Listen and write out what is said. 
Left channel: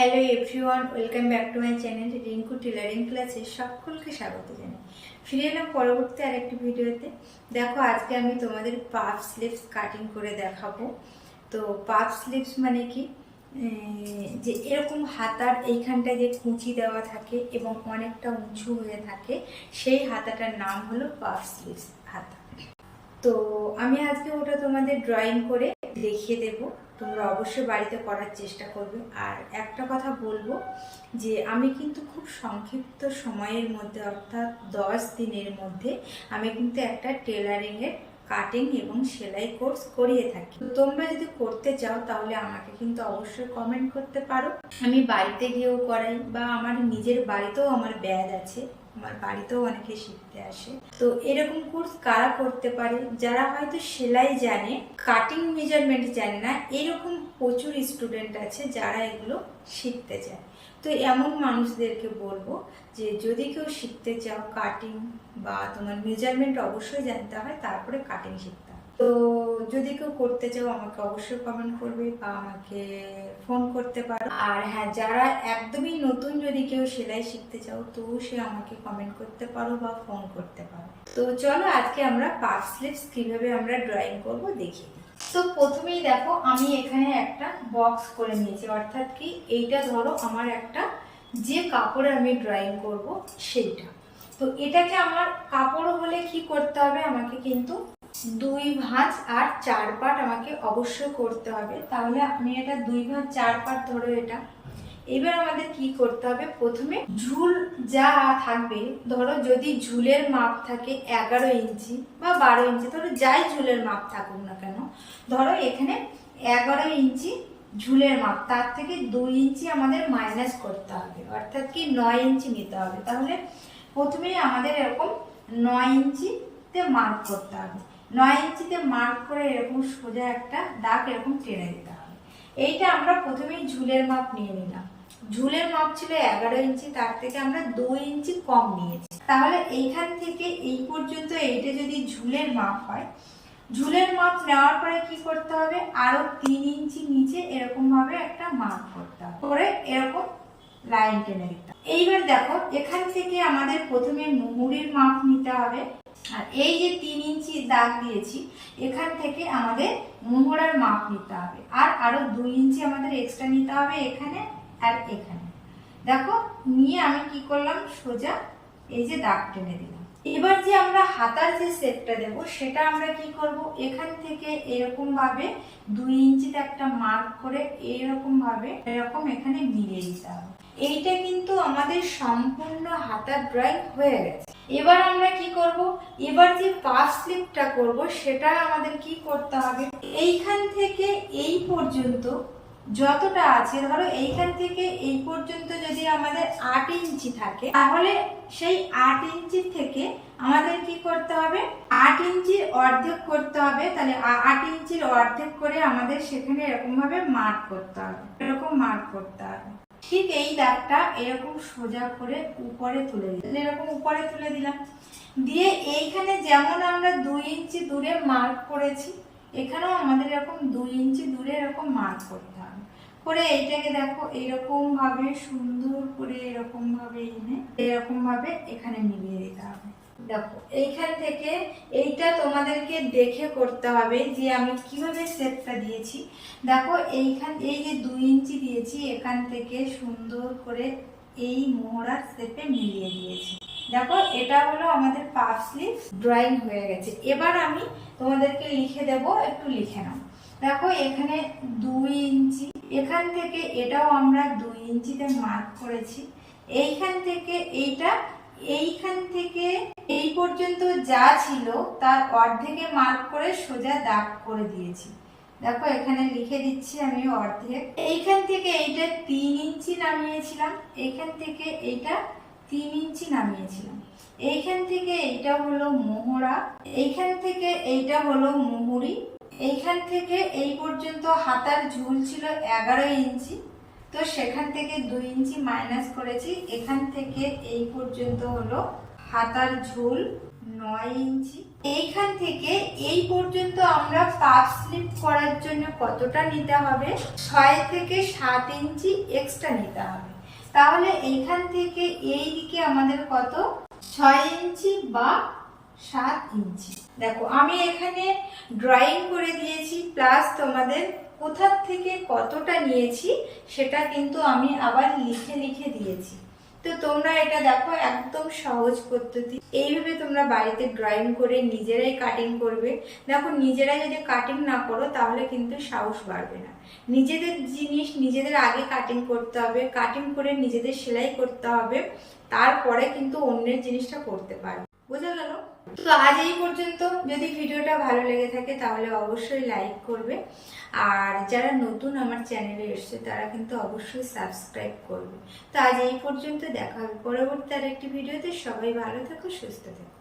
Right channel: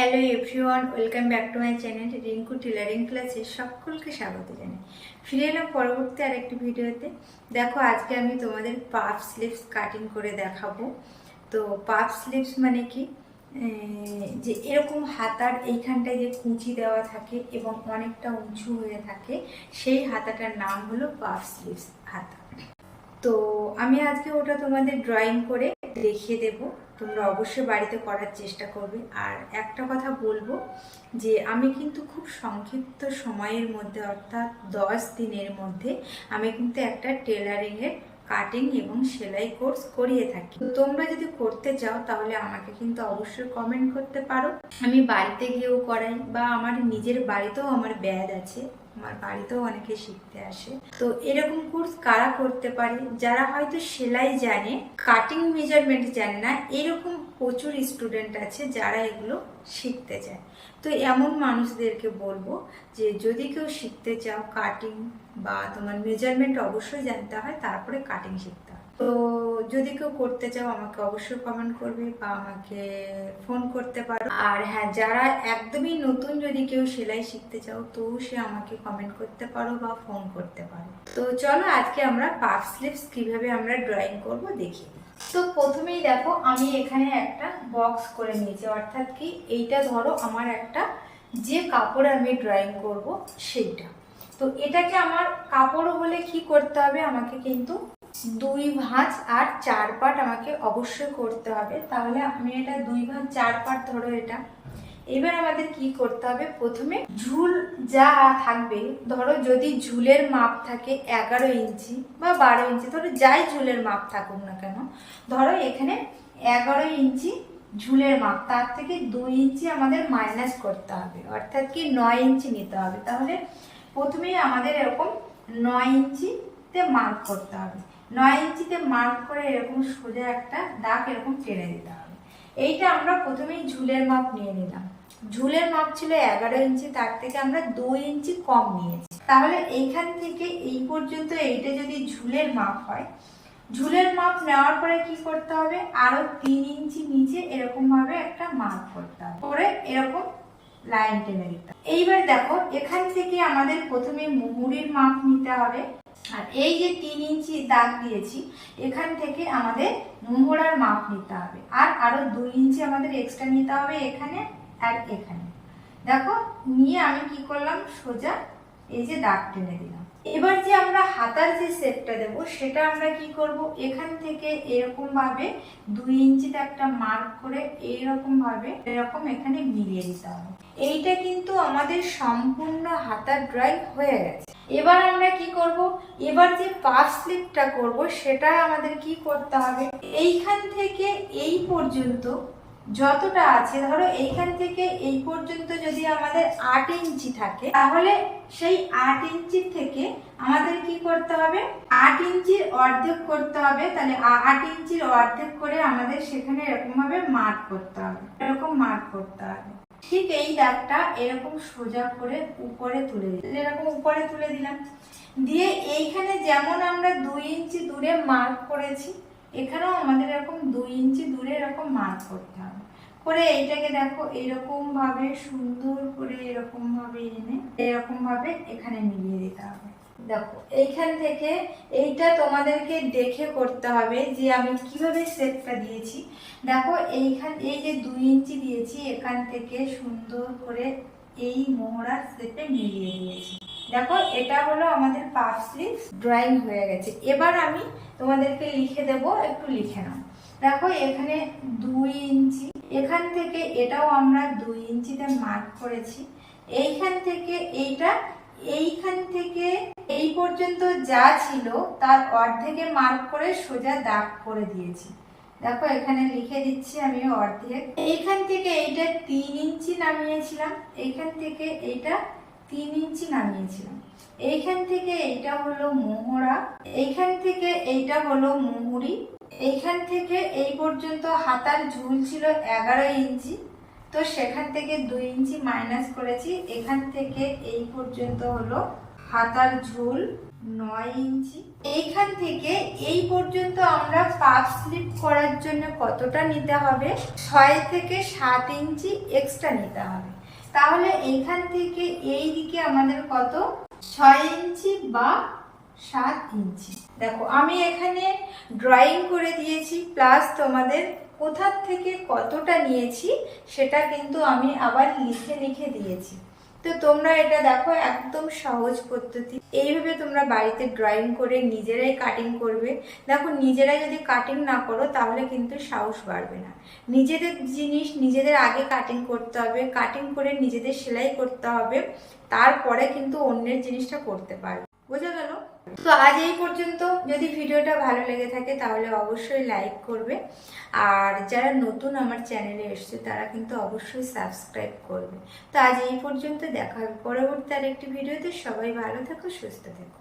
Hello everyone welcome back to my channel Rinku tailoring ক্লাসে সকলকে স্বাগত জানাই। ফিরে এলাম পরবর্তী আরেকটি ভিডিওতে। দেখো, আজকে আমি তোমাদের পাফ স্লিভস কাটিং করে দেখাবো। তো পাফ স্লিভস মানে কি? যে এরকম হাতার এইখানটায় যে কুঁচি দেওয়া থাকে এবং অনেকটা উঁচু হয়ে থাকে, সেই হাতাটার নাম হলো পাফ স্লিভস হাতা। তো আমি আজকে ওটা তোমাদের ড্রয়িং করে দেখিয়ে দেব। তোমরা অবশ্যই বাড়িতে করার চেষ্টা করবে। আর একটা কথা বলব যে, আমি কিন্তু খুব সংক্ষিপ্ত সময়ের মধ্যে, অর্থাৎ দশ দিনের মধ্যে, আমি কিন্তু একটা টেলারিংয়ের কাটিং এবং সেলাই কোর্স করিয়ে থাকি। তোমরা যদি করতে চাও, তাহলে আমাকে কিন্তু অবশ্যই কমেন্ট করতে পারো। আমি বাড়িতে গিয়েও করাই, বা আমার নিজের বাড়িতেও আমার ব্যাদ আছে, আমার বাড়িতেও অনেকে শিখতে আসে। তো এরকম কোর্স কারা করতে পারে? যারা হয়তো সেলাই জানে কাটিং মেজারমেন্ট জানে না, এরকম প্রচুর স্টুডেন্ট আছে যারা এগুলো শিখতে চায়। তো এমন মানুষদেরকে বলব যে যদি কেউ শিখতে চাও কাটিং বা তোমার মেজারমেন্ট অবশ্যই জানতে হয়, তারপরে কাটিং শিখতে হয়। তো যদি কেউ করতে চাও, আমাকে অবশ্যই কমেন্ট করবে বা আমাকে ফোন করতে পারো। আর হ্যাঁ যারা একদমই নতুন যদি কেউ সেলাই শিখতে চাও, তো সে আমাকে কমেন্ট করতে পারো বা ফোন করতে পারো। তো চলো আজকে আমরা পাফ স্লিভস কীভাবে আমরা ড্রয়িং করব দেখিয়ে দিই। তো প্রথমেই দেখো আমি এখানে একটা বক্স করে নিয়েছি। অর্থাৎ কি এইটা ধরো আমার একটা যে কাপড় আমি ড্রয়িং করব সেইটা। তো এটাকে আমার কাপড় হলে কি করতে হবে? আমাকে কিন্তু দুই ভাঁজ আর চার পাট আমাকে অবশ্যই করতে হবে। তাহলে আমি এটা দুই ভাঁজ, চার পাট ধরো এটা। এবার আমাদের কি করতে হবে? প্রথমে ঝুল যা থাকবে, ধরো যদি ঝুলের মাপ থাকে এগারো ইঞ্চি বা বারো ইঞ্চি ধরো যাই ঝুলের মাপ থাকুক না কেন, ধরো এখানে এগারো ইঞ্চি ঝুলের মাপ, তার থেকে দুই ইঞ্চি আমাদের মাইনাস করতে হবে, অর্থাৎ কি নয় ইঞ্চি নিতে হবে। তাহলে প্রথমেই আমাদের এরকম নয় ইঞ্চিতে মার্ক করতে হবে। নয় ইঞ্চিতে মার্ক করে এরকম সোজা একটা দাগ এরকম টেনে দিতে হবে। এইটা আমরা প্রথমেই ঝুলের মাপ নিয়ে নিলাম। ঝুলের মাপ ছিল এগারো ইঞ্চি, তার থেকে আমরা দুই ইঞ্চি কম নিয়েছি। তাহলে এইখান থেকে এই পর্যন্ত এইটা যদি ঝুলের মাপ হয়, ঝুলের মাপ নেওয়ার পরে কি করতে হবে? আরও তিন ইঞ্চি নিচে এরকম ভাবে একটা মার্ক করতে হবে। করে এরকম লাইন টেনে দিতে। এইবার দেখো, এখান থেকে আমাদের প্রথমে মুহুরির মাপ নিতে হবে। আর এই যে তিন ইঞ্চি দাগ দিয়েছি, এখান থেকে আমাদের মুহুরার মাপ নিতে হবে। আর আরও দুই ইঞ্চি আমাদের এক্সট্রা নিতে হবে এখানে। আর এখানে। দেখো, নিয়ে আমি কি করলাম? সোজা এই যে দাগ টেনে দিলাম। এবার যে আমরা হাতার যে সেটটা দেব, সেটা আমরা কি করব? এখান থেকে এরকম ভাবে দুই ইঞ্চিতে একটা মার্ক করে এইরকম ভাবে এরকম এখানে মিলিয়ে দিতে হবে। এইটা কিন্তু আমাদের সম্পূর্ণ হাতার ড্রয়িং হয়ে গেছে। এবার আমরা কি করব? এবার যে পাফ স্লিপটা করব সেটা আমাদের কি করতে হবে? এইখান থেকে এই পর্যন্ত যতটা আছে, ধরো এইখান থেকে এই পর্যন্ত যদি আমাদের আট ইঞ্চি থাকে, তাহলে সেই আট ইঞ্চি থেকে আমাদের কি করতে হবে? আট ইঞ্চির অর্ধেক করতে হবে, তাহলে আট ইঞ্চির অর্ধেক করে আমাদের সেখানে এরকম ভাবে মার্ক করতে হবে, এরকম মার্ক করতে হবে। ঠিক এই দাগটা এরকম সোজা করে উপরে তুলে দিলাম। এরকম উপরে তুলে দিলাম। দিয়ে এইখানে যেমন আমরা দুই ইঞ্চি দূরে মার্ক করেছি এখানেও আমাদের এরকম দুই ইঞ্চি দূরে এরকম মার্ক করতে হবে। করে এইটাকে দেখো এরকম ভাবে সুন্দর করে এরকম ভাবে এনে এরকম ভাবে এখানে মিলিয়ে দিতে হবে। দেখো, এইখান থেকে এইটা তোমাদেরকে দেখে করতে হবে যে আমি কীভাবে শেপটা দিয়েছি। দেখো, এইখান, এই যে দুই ইঞ্চি দিয়েছি, এখান থেকে সুন্দর করে এই মোহরার শেপে মিলিয়ে দিয়েছি। দেখো, এটা হলো আমাদের পাফ স্লিভ ড্রয়িং হয়ে গেছে। এবার আমি তোমাদেরকে লিখে দেব, একটু লিখে নাও। দেখো, এখানে দুই ইঞ্চি, এখান থেকে এটাও আমরা দুই ইঞ্চিতে মার্ক করেছি। এইখান থেকে এইটা, এইখান থেকে এই পর্যন্ত যা ছিল, তার অর্ধেকে মার্ক করে সোজা দাগ করে দিয়েছি। দেখো, এখানে লিখে দিচ্ছি আমি অর্ধেক। এইখান থেকে এইটা তিন ইঞ্চি নামিয়েছিলাম। এইখান থেকে এইটা তিন ইঞ্চি নামিয়েছিলাম। এইখান থেকে এইটা হলো মোহরা, এইখান থেকে এইটা হলো মুহুরি, এইখান থেকে এই পর্যন্ত হাতার ঝুল ছিল এগারো ইঞ্চি। তো সেখান থেকে দুই ইঞ্চি মাইনাস করেছি, এখান থেকে এই পর্যন্ত হলো হাতার ঝুল নয় ইঞ্চি। এইখান থেকে এই পর্যন্ত আমরা পাপ স্লিপ করার জন্য কতটা নিতে হবে? ছয় থেকে সাত ইঞ্চি এক্সট্রা নিতে হবে। তাহলে এইখান থেকে এই দিকে আমাদের কত? ছয় ইঞ্চি বা সাত ইঞ্চি। দেখো, আমি এখানে ড্রয়িং করে দিয়েছি প্লাস তোমাদের কোথার থেকে কতটা নিয়েছি, সেটা কিন্তু আমি আবার লিখে লিখে দিয়েছি। তো তোমরা এটা দেখো, একদম সহজ পদ্ধতি। এইভাবে তোমরা বাড়িতে ড্রয়িং করে নিজেরাই কাটিং করবে। দেখো নিজেরাই যদি কাটিং না করো, তাহলে কিন্তু সাহস বাড়বে না। নিজেদের জিনিস নিজেদের আগে কাটিং করতে হবে। কাটিং করে নিজেদের সেলাই করতে হবে। তারপরে কিন্তু অন্যের জিনিসটা করতে পারবে। বোঝা গেল? তো আজ এই পর্যন্ত। যদি ভিডিওটা ভালো লেগে থাকে, তাহলে অবশ্যই লাইক করবে। আর যারা নতুন আমার চ্যানেলে এসছে, তারা কিন্তু অবশ্যই সাবস্ক্রাইব করবে। তো আজ এই পর্যন্ত দেখা হবে পরবর্তী আরেকটি ভিডিওতে। সবাই ভালো থাকো, সুস্থ থেকো।